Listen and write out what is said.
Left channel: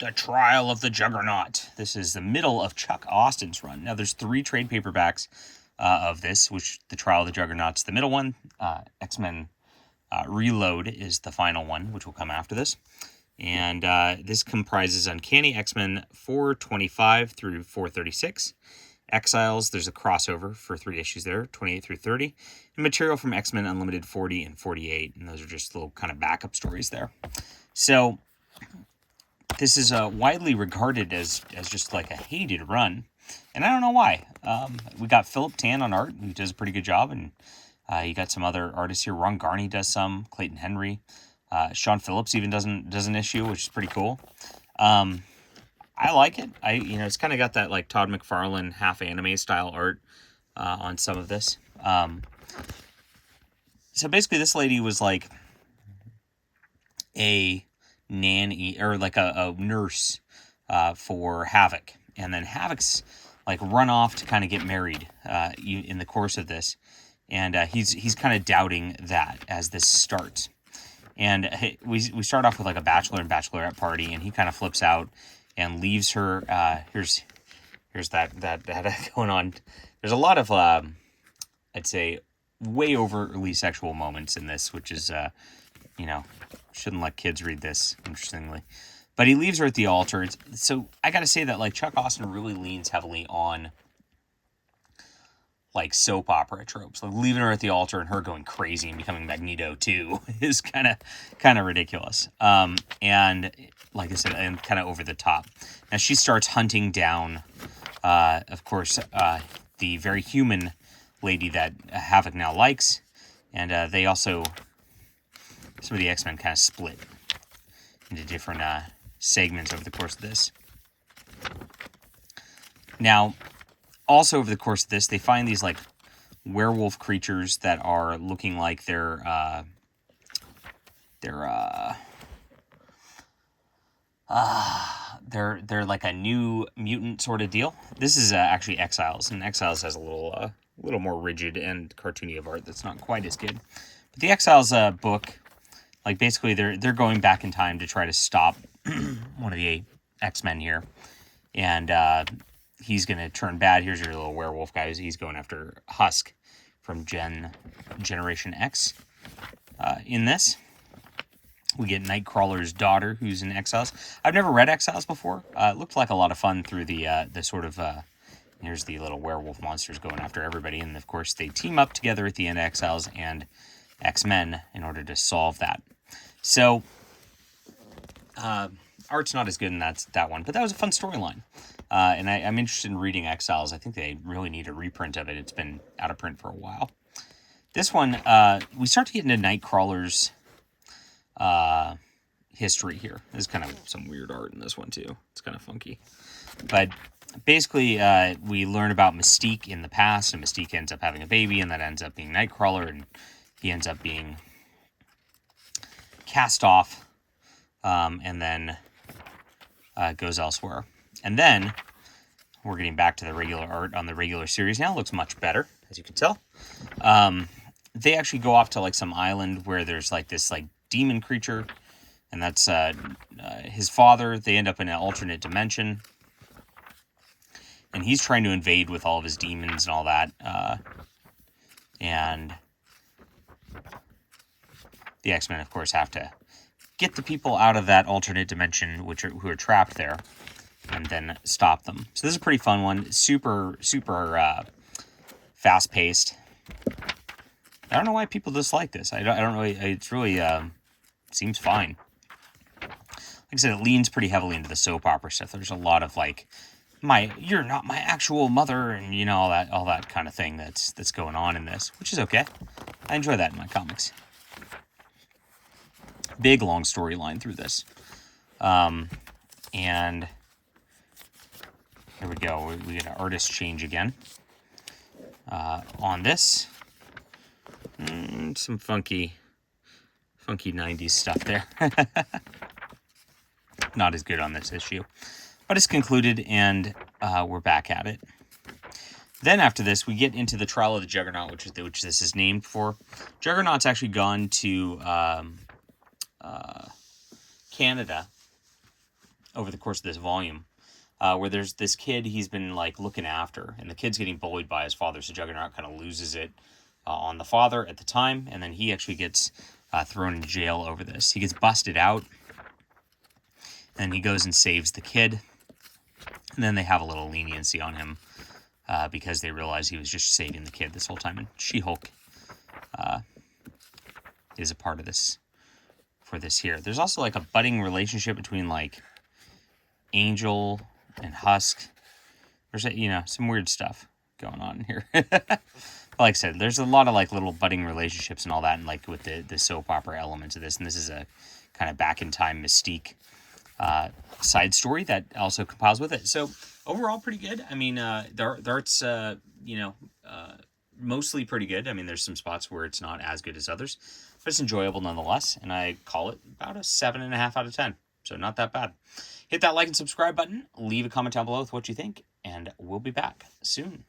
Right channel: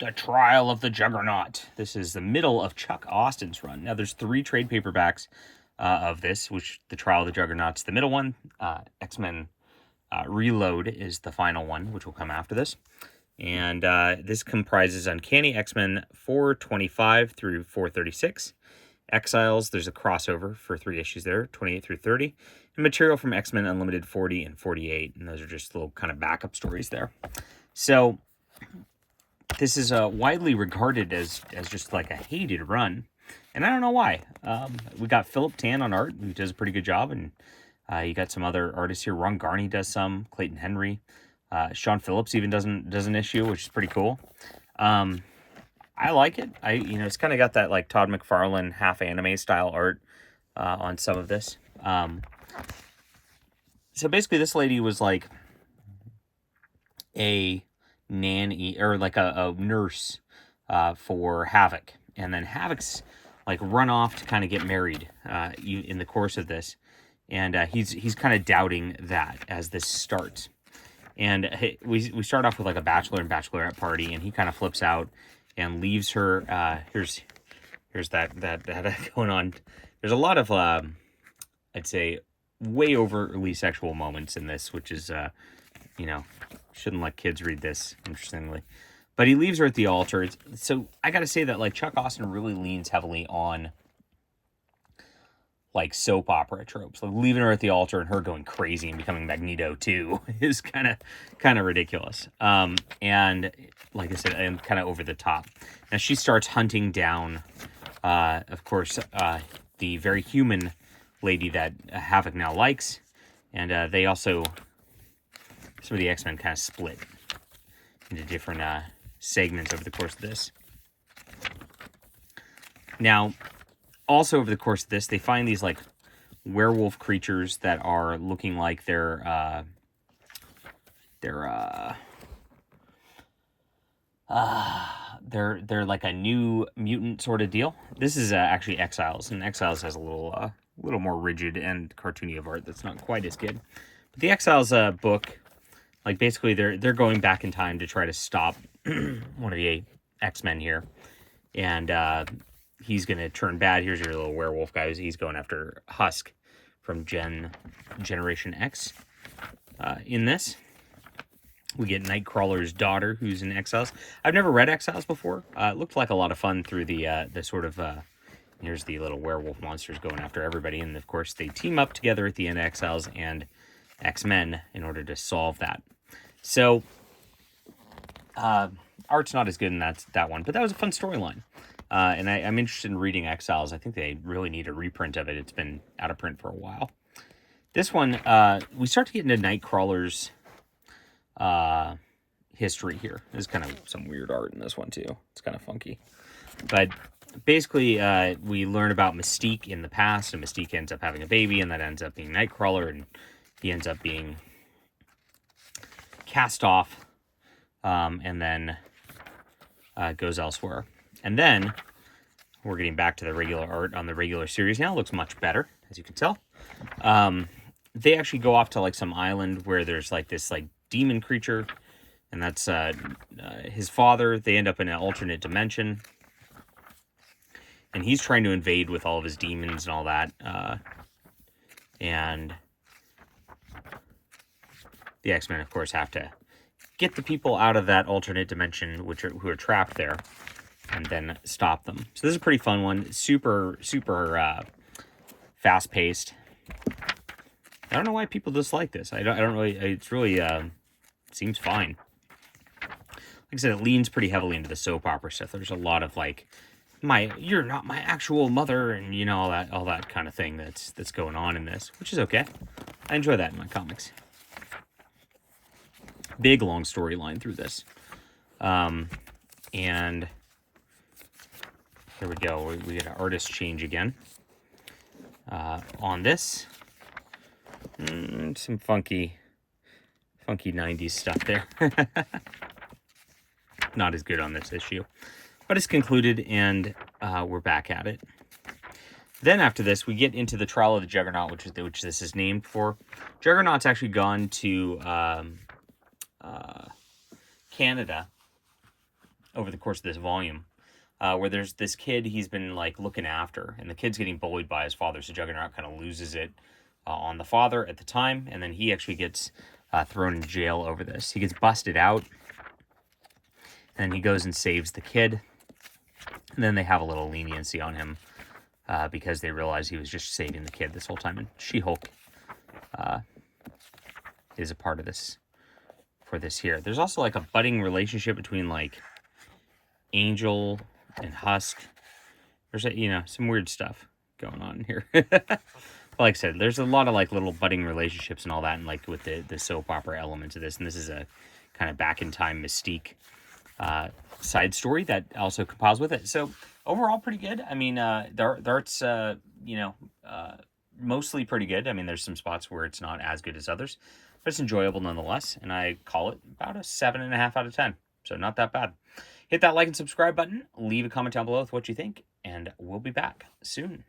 The Trial of the Juggernaut. This is the middle of Chuck Austin's run. Now, there's 3 trade paperbacks of this, which The Trial of the Juggernaut's the middle one. X-Men Reload is the final one, which will come after this. And this comprises Uncanny X-Men 425 through 436. Exiles, there's a crossover for 3 issues there, 28 through 30. And material from X-Men Unlimited 40 and 48. And those are just little kind of backup stories there. So this is widely regarded as just like a hated run. And I don't know why. We got Philip Tan on art, who does a pretty good job. And you got some other artists here. Ron Garney does some. Clayton Henry. Sean Phillips even does an issue, which is pretty cool. I like it. It's kind of got that like Todd McFarlane half anime style art on some of this. So basically, this lady was like a nanny or like a nurse for Havoc, and then Havoc's like run off to kind of get married in the course of this, and he's kind of doubting that as this starts. And we start off with like a bachelor and bachelorette party, and he kind of flips out and leaves her. Here's that going on. There's a lot of I'd say way overly sexual moments in this, which is shouldn't let kids read this, interestingly. But he leaves her at the altar. So I gotta say that like Chuck Austin really leans heavily on like soap opera tropes, like leaving her at the altar and her going crazy and becoming Magneto too is kind of ridiculous. And like I said, and kind of over the top. Now she starts hunting down, of course, the very human lady that Havoc now likes, and they also, some of the X-Men kind of split into different segments over the course of this. Now, also over the course of this, they find these like werewolf creatures that are looking like they're like a new mutant sort of deal. This is actually Exiles, and Exiles has a little more rigid and cartoony of art that's not quite as good. But the Exiles book, like basically they're going back in time to try to stop one of the X-Men here, and he's going to turn bad. Here's your little werewolf guy. He's going after Husk from Generation X. In this, we get Nightcrawler's daughter, who's in Exiles. I've never read Exiles before. It looked like a lot of fun through the sort of... here's the little werewolf monsters going after everybody. And, of course, they team up together at the end of Exiles and X-Men in order to solve that. So, art's not as good in that one. But that was a fun storyline. And I'm interested in reading Exiles. I think they really need a reprint of it. It's been out of print for a while. This one, we start to get into Nightcrawler's history here. There's kind of some weird art in this one, too. It's kind of funky. But basically, we learn about Mystique in the past, and Mystique ends up having a baby, and that ends up being Nightcrawler, and he ends up being cast off, and then goes elsewhere. And then we're getting back to the regular art on the regular series now. It looks much better, as you can tell. They actually go off to like some island where there's like this like demon creature, and that's his father. They end up in an alternate dimension, and he's trying to invade with all of his demons and all that. And the X-Men, of course, have to get the people out of that alternate dimension, who are trapped there, and then stop them. So this is a pretty fun one. Super fast-paced. I don't know why people dislike this. I don't really. It's really seems fine. Like I said, it leans pretty heavily into the soap opera stuff. There's a lot of like, you're not my actual mother, and all that kind of thing that's going on in this, which is okay. I enjoy that in my comics. Big long storyline through this, and here we go. We get an artist change again on this. Some funky 90s stuff there. Not as good on this issue. But it's concluded, and we're back at it. Then after this, we get into the Trial of the Juggernaut, which this is named for. Juggernaut's actually gone to Canada over the course of this volume, where there's this kid he's been like looking after, and the kid's getting bullied by his father. So Juggernaut kind of loses it on the father at the time, and then he actually gets thrown in jail over this. He gets busted out, and he goes and saves the kid, and then they have a little leniency on him because they realize he was just saving the kid this whole time. And She-Hulk is a part of this for this here. There's also like a budding relationship between like Angel and Husk. There's some weird stuff going on here. Like I said, there's a lot of like little budding relationships and all that, and like with the soap opera elements of this. And this is a kind of back in time Mystique side story that also compiles with it. So overall, pretty good. I mean, the art's mostly pretty good. I mean, there's some spots where it's not as good as others, but it's enjoyable nonetheless. And I call it about a 7.5 out of 10. So not that bad. Hit that like and subscribe button. Leave a comment down below with what you think, and we'll be back soon.